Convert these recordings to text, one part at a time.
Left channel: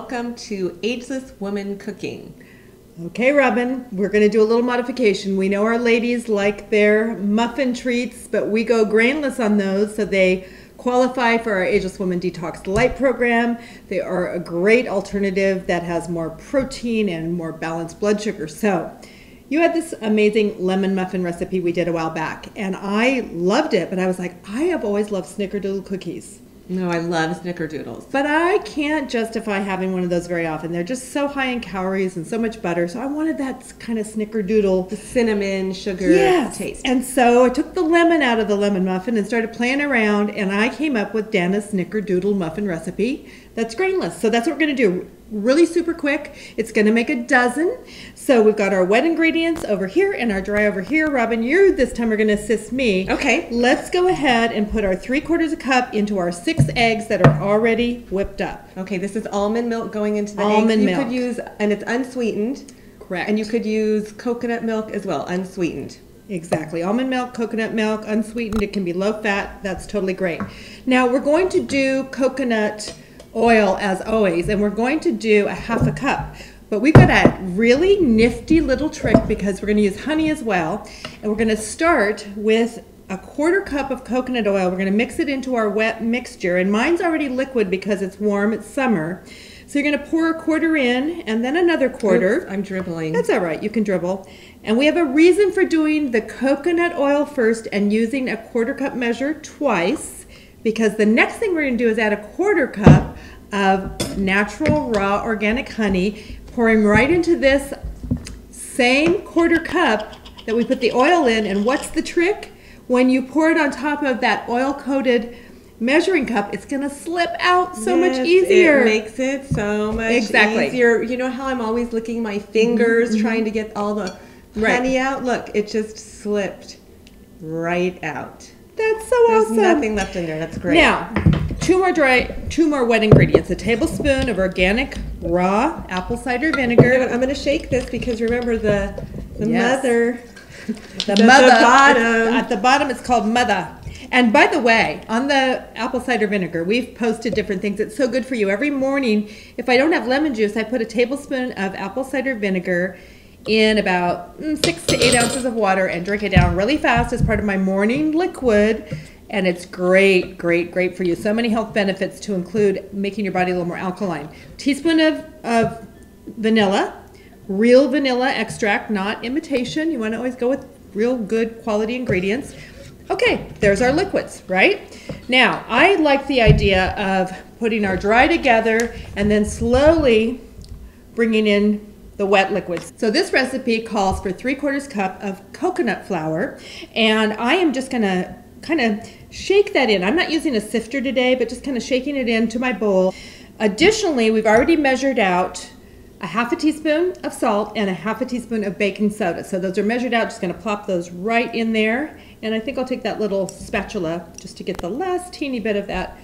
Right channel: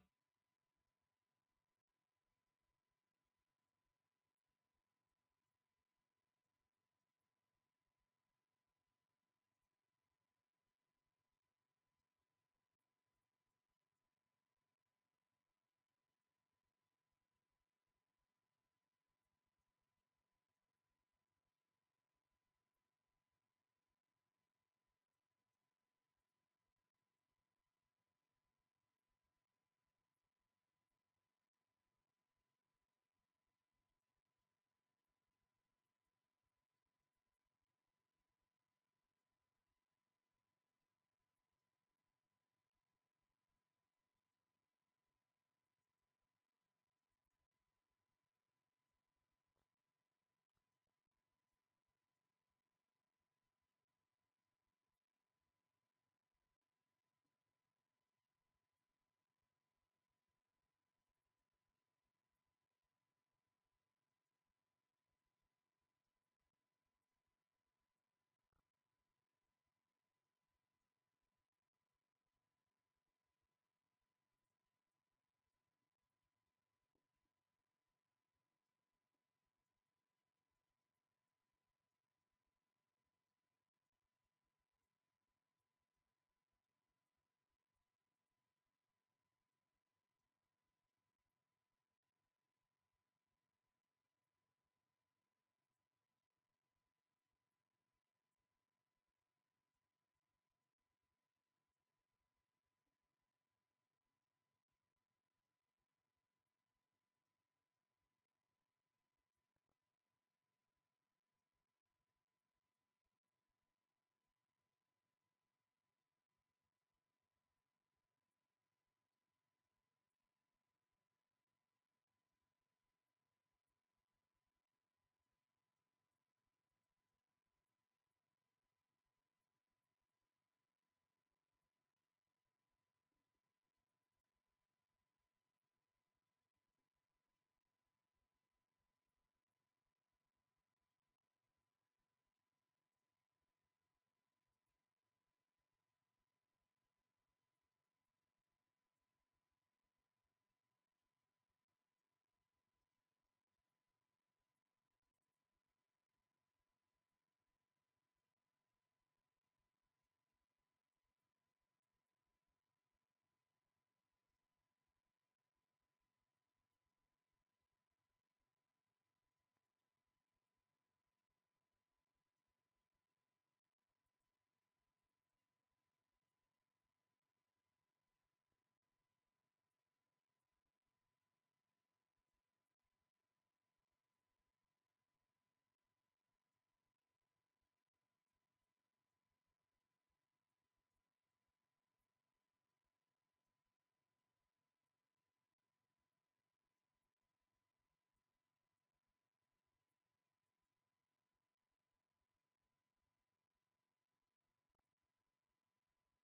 welcome to Ageless Woman Cooking. Okay, Robin, we're going to do a little modification. We know our ladies like their muffin treats, but we go grainless on those, so they qualify for our Ageless Woman Detox Light program. They are a great alternative that has more protein and more balanced blood sugar. So you had this amazing lemon muffin recipe we did a while back, and I loved it, but I was like, I have always loved Snickerdoodle cookies. No, I love Snickerdoodles. But I can't justify having one of those very often. They're just so high in calories and so much butter. So I wanted that kind of Snickerdoodle. The cinnamon, sugar taste. And so I took the lemon out of the lemon muffin and started playing around, and I came up with Dana's Snickerdoodle muffin recipe that's grainless. So that's what we're going to do. Really super quick. It's going to make a dozen. So we've got our wet ingredients over here and our dry over here. Robin, you this time are going to assist me. Okay. Let's go ahead and put our 3/4 cup into our 6 eggs that are already whipped up. Okay, this is almond milk going into the almond eggs. milk. You could use, and it's unsweetened. Correct. And you could use coconut milk as well, unsweetened. Exactly. Almond milk, coconut milk, unsweetened. It can be low fat. That's totally great. Now we're going to do coconut oil as always, and we're going to do a 1/2 cup. But we've got a really nifty little trick because we're going to use honey as well. And we're going to start with a 1/4 cup of coconut oil. We're going to mix it into our wet mixture. And mine's already liquid because it's warm, it's summer. So you're going to pour 1/4 in and then another 1/4. Oops, I'm dribbling. That's all right. You can dribble. And we have a reason for doing the coconut oil first and using a 1/4 cup measure twice, because the next thing we're going to do is add a 1/4 cup of natural raw organic honey, pouring right into this same 1/4 cup that we put the oil in. And what's the trick? When you pour it on top of that oil-coated measuring cup, it's going to slip out so much easier. It makes it so much easier. You know how I'm always licking my fingers trying to get all the honey out? Look, it just slipped right out. That's so awesome. There's nothing left in there. That's great. Now, two more wet ingredients. A tablespoon of organic raw apple cider vinegar. I'm going to shake this because remember the mother. The mother. At the bottom it's called mother. And by the way, on the apple cider vinegar, we've posted different things. It's so good for you. Every morning, if I don't have lemon juice, I put a tablespoon of apple cider vinegar in about 6 to 8 ounces of water and drink it down really fast as part of my morning liquid. And it's great, great, great for you. So many health benefits, to include making your body a little more alkaline. Teaspoon of vanilla, real vanilla extract, not imitation. You want to always go with real good quality ingredients. Okay, there's our liquids, right? Now, I like the idea of putting our dry together and then slowly bringing in the wet liquids. So this recipe calls for 3/4 cup of coconut flour, and I am just gonna kind of shake that in. I'm not using a sifter today, but just kind of shaking it into my bowl. Additionally, we've already measured out a 1/2 teaspoon of salt and a 1/2 teaspoon of baking soda. So those are measured out. Just gonna plop those right in there. And I think I'll take that little spatula just to get the last teeny bit of that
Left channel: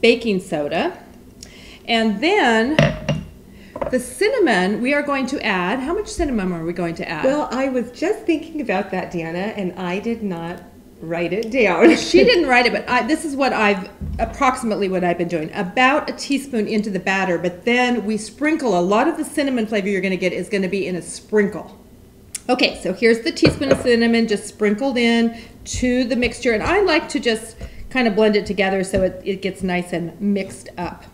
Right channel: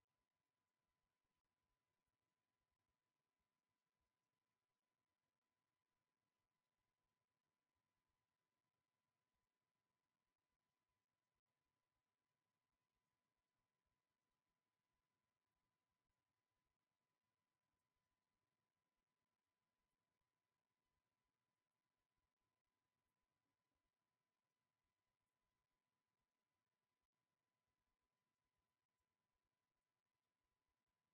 baking soda. And then the cinnamon, we are going to add. How much cinnamon are we going to add? Well, I was just thinking about that, Deanna, and I did not write it down. She didn't write it, but this is what approximately what I've been doing. About a teaspoon into the batter, but then we sprinkle. A lot of the cinnamon flavor you're going to get is going to be in a sprinkle. Okay, so here's the teaspoon of cinnamon just sprinkled in to the mixture, and I like to just kind of blend it together so it gets nice and mixed up.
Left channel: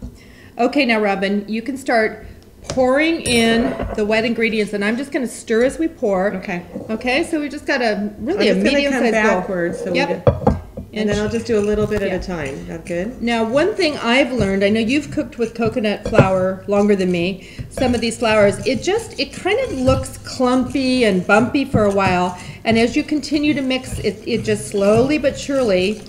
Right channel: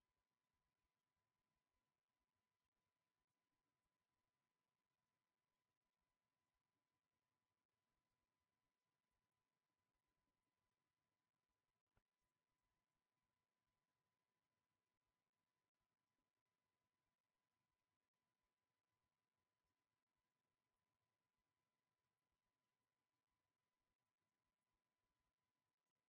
Okay, now Robin, you can start pouring in the wet ingredients, and I'm just going to stir as we pour. Okay. Okay, so we just got a medium-sized bowl. Backwards. So Yep. And then I'll just do a little bit at a time. That's good. Now, one thing I've learned, I know you've cooked with coconut flour longer than me, some of these flours, it kind of looks clumpy and bumpy for a while, and as you continue to mix, it just slowly but surely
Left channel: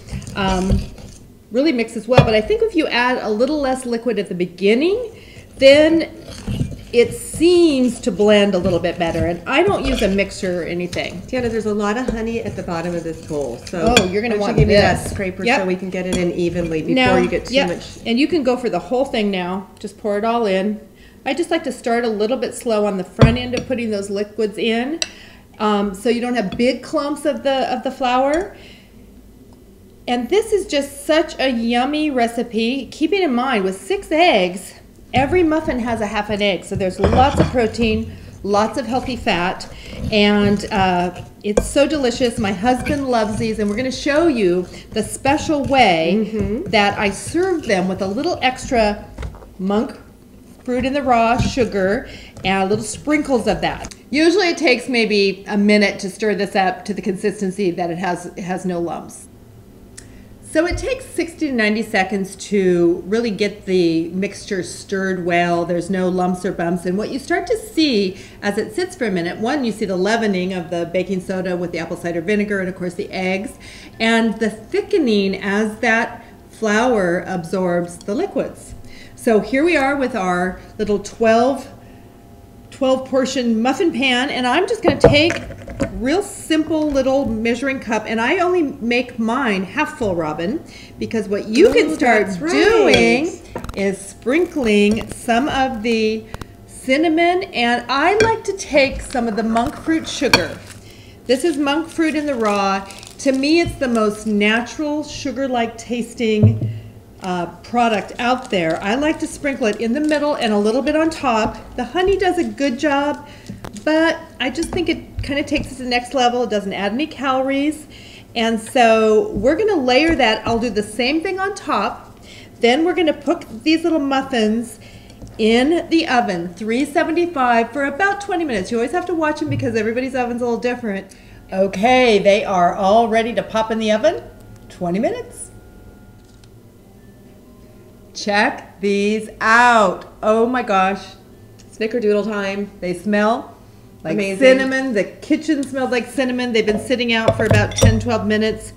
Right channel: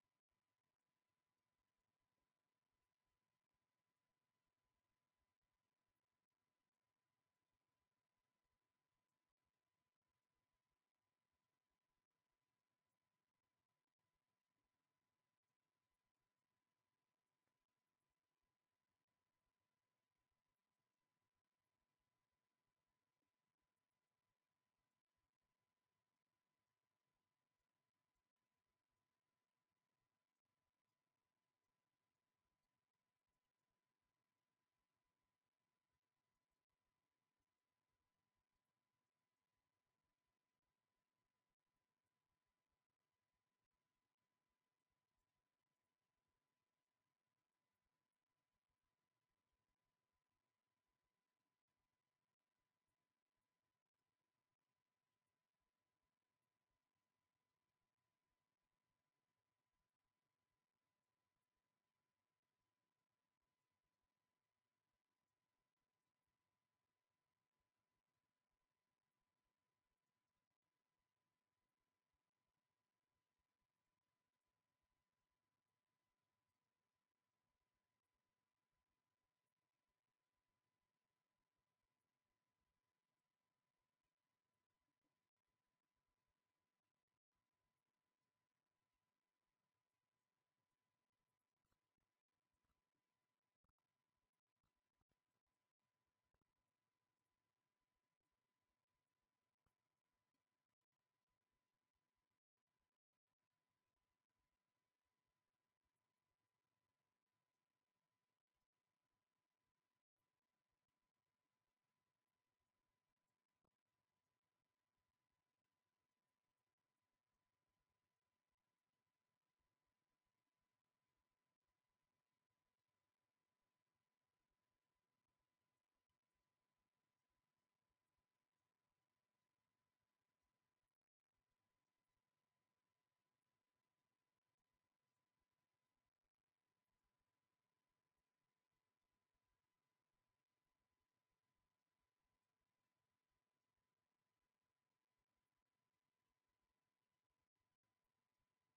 really mixes well. But I think if you add a little less liquid at the beginning, then it seems to blend a little bit better. And I don't use a mixer or anything. Tiana, there's a lot of honey at the bottom of this bowl. So you're going to want give me this. that scraper so we can get it in evenly before now, you get too much. And you can go for the whole thing now. Just pour it all in. I just like to start a little bit slow on the front end of putting those liquids in, so you don't have big clumps of the flour. And this is just such a yummy recipe. Keeping in mind, with 6 eggs, Every muffin has a half an egg, so there's lots of protein, lots of healthy fat, and it's so delicious. My husband loves these, and we're going to show you the special way that I serve them with a little extra monk fruit in the raw, sugar, and little sprinkles of that. Usually it takes maybe a minute to stir this up to the consistency that it has no lumps. So it takes 60 to 90 seconds to really get the mixture stirred well. There's no lumps or bumps. And what you start to see as it sits for a minute, one, you see the leavening of the baking soda with the apple cider vinegar and of course the eggs, and the thickening as that flour absorbs the liquids. So here we are with our little 12 portion muffin pan, and I'm just going to take real simple little measuring cup, and I only make mine half full, Robin, because what you can start doing is sprinkling some of the cinnamon, and I like to take some of the monk fruit sugar. This is monk fruit in the raw. To me, it's the most natural sugar-like tasting product out there. I like to sprinkle it in the middle and a little bit on top. The honey does a good job, but I just think it kind of takes it to the next level. It doesn't add any calories. And so we're going to layer that. I'll do the same thing on top. Then we're going to put these little muffins in the oven, 375 for about 20 minutes. You always have to watch them because everybody's oven's a little different. Okay, they are all ready to pop in the oven. 20 minutes. Check these out. Oh my gosh. Snickerdoodle time. They smell like amazing. Cinnamon. The kitchen smells like cinnamon. They've been sitting out for about 10-12 minutes.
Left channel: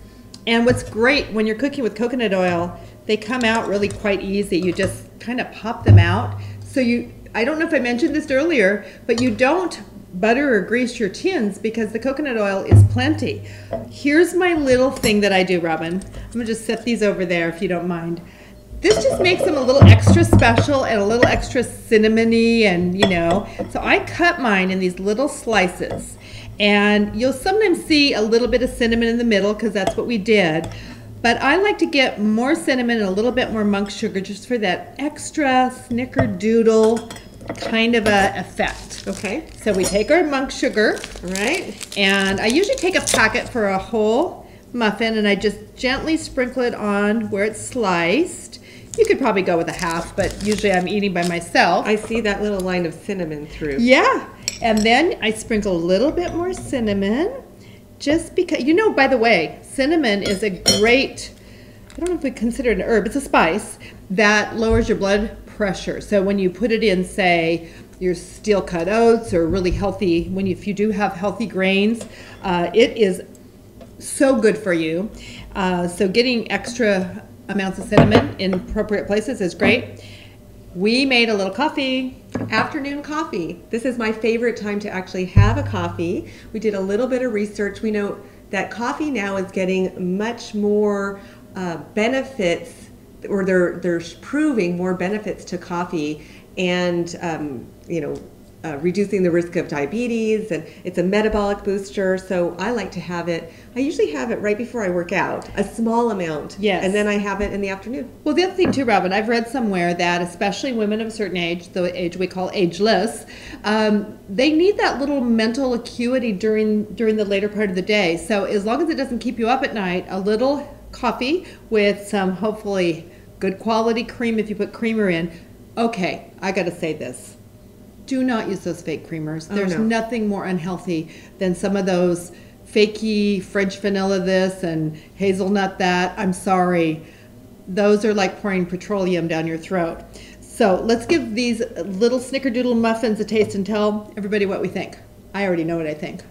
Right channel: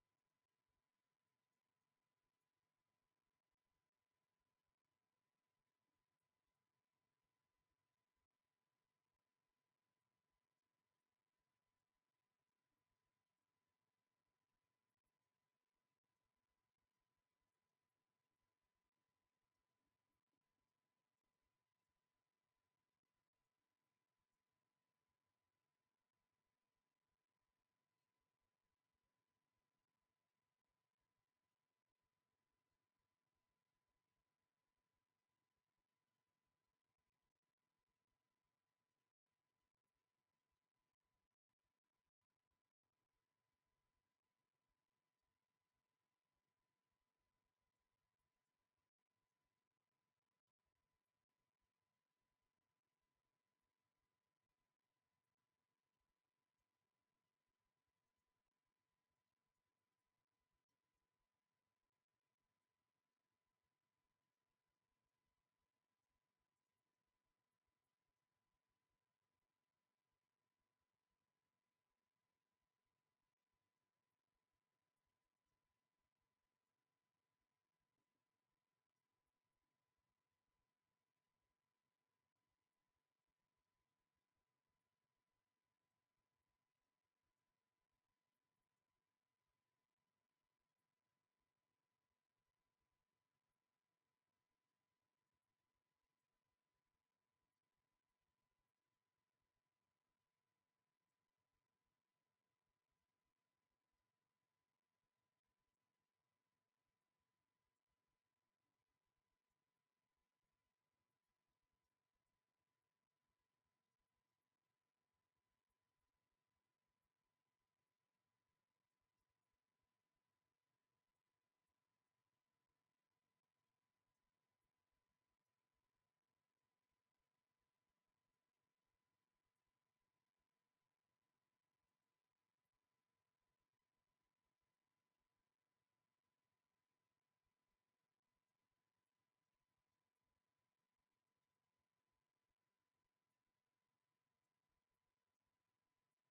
And what's great when you're cooking with coconut oil, they come out really quite easy. You just kind of pop them out. So I don't know if I mentioned this earlier, but you don't butter or grease your tins because the coconut oil is plenty. Here's my little thing that I do, Robin. I'm gonna just set these over there if you don't mind. This just makes them a little extra special and a little extra cinnamony, and so I cut mine in these little slices, and you'll sometimes see a little bit of cinnamon in the middle because that's what we did, but I like to get more cinnamon and a little bit more monk sugar just for that extra snickerdoodle kind of a effect. Okay. So we take our monk sugar, right, and I usually take a packet for a whole muffin, and I just gently sprinkle it on where it's sliced. You could probably go with a half, but usually I'm eating by myself. I see that little line of cinnamon through. Yeah, and then I sprinkle a little bit more cinnamon, just because, by the way, cinnamon is a great, I don't know if we consider it an herb, it's a spice that lowers your blood pressure. So when you put it in, say, your steel-cut oats or really healthy, if you do have healthy grains, it is so good for you. So getting extra amounts of cinnamon in appropriate places is great. We made a little coffee. Afternoon coffee. This is my favorite time to actually have a coffee. We did a little bit of research. We know that coffee now is getting much more benefits, or they're proving more benefits to coffee, and reducing the risk of diabetes, and it's a metabolic booster. So I like to have it. I usually have it right before I work out, a small amount. Yes. And then I have it in the afternoon. Well, the other thing too, Robin, I've read somewhere that especially women of a certain age, the age we call ageless, they need that little mental acuity during the later part of the day. So as long as it doesn't keep you up at night, a little coffee with some hopefully good quality cream if you put creamer in. Okay, I got to say this. Do not use those fake creamers. There's nothing more unhealthy than some of those fakey French vanilla this and hazelnut that. I'm sorry. Those are like pouring petroleum down your throat. So let's give these little snickerdoodle muffins a taste and tell everybody what we think. I already know what I think.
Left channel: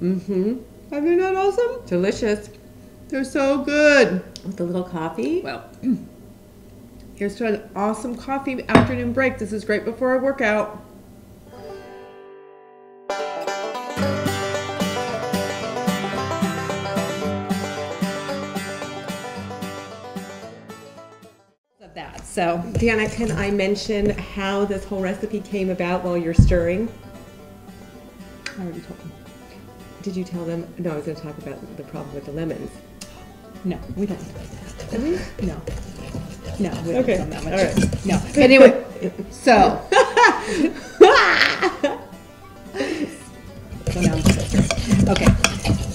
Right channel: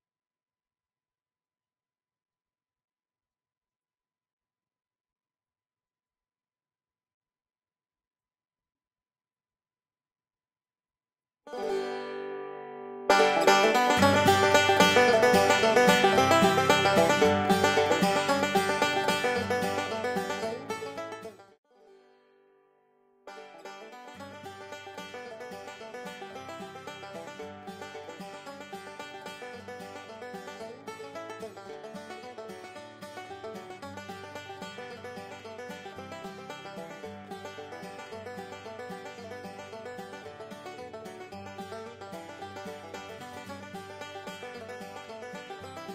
Mm-hmm. Are they not awesome? Delicious. They're so good. With a little coffee. Well, here's to an awesome coffee afternoon break. This is great before a workout. So, Deanna, can I mention how this whole recipe came about while you're stirring? I already told them. Did you tell them? No, I was going to talk about the problem with the lemons. No, we don't. Did we? No. No, we don't Okay. film that much. All right. No. Anyway, so. So now I'm just- okay.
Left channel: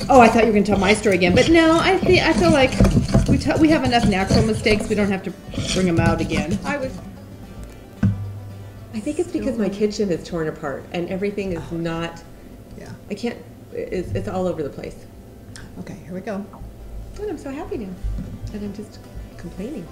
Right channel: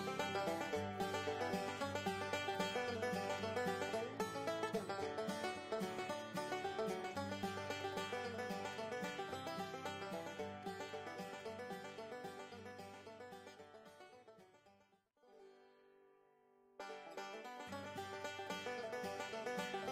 Oh, I thought you were going to tell my story again, but no, I feel like we have enough natural mistakes. We don't have to bring them out again. I think it's because my kitchen is torn apart and everything is not. Yeah. I can't. It's all over the place. Okay, here we go. And I'm so happy now. And I'm just complaining.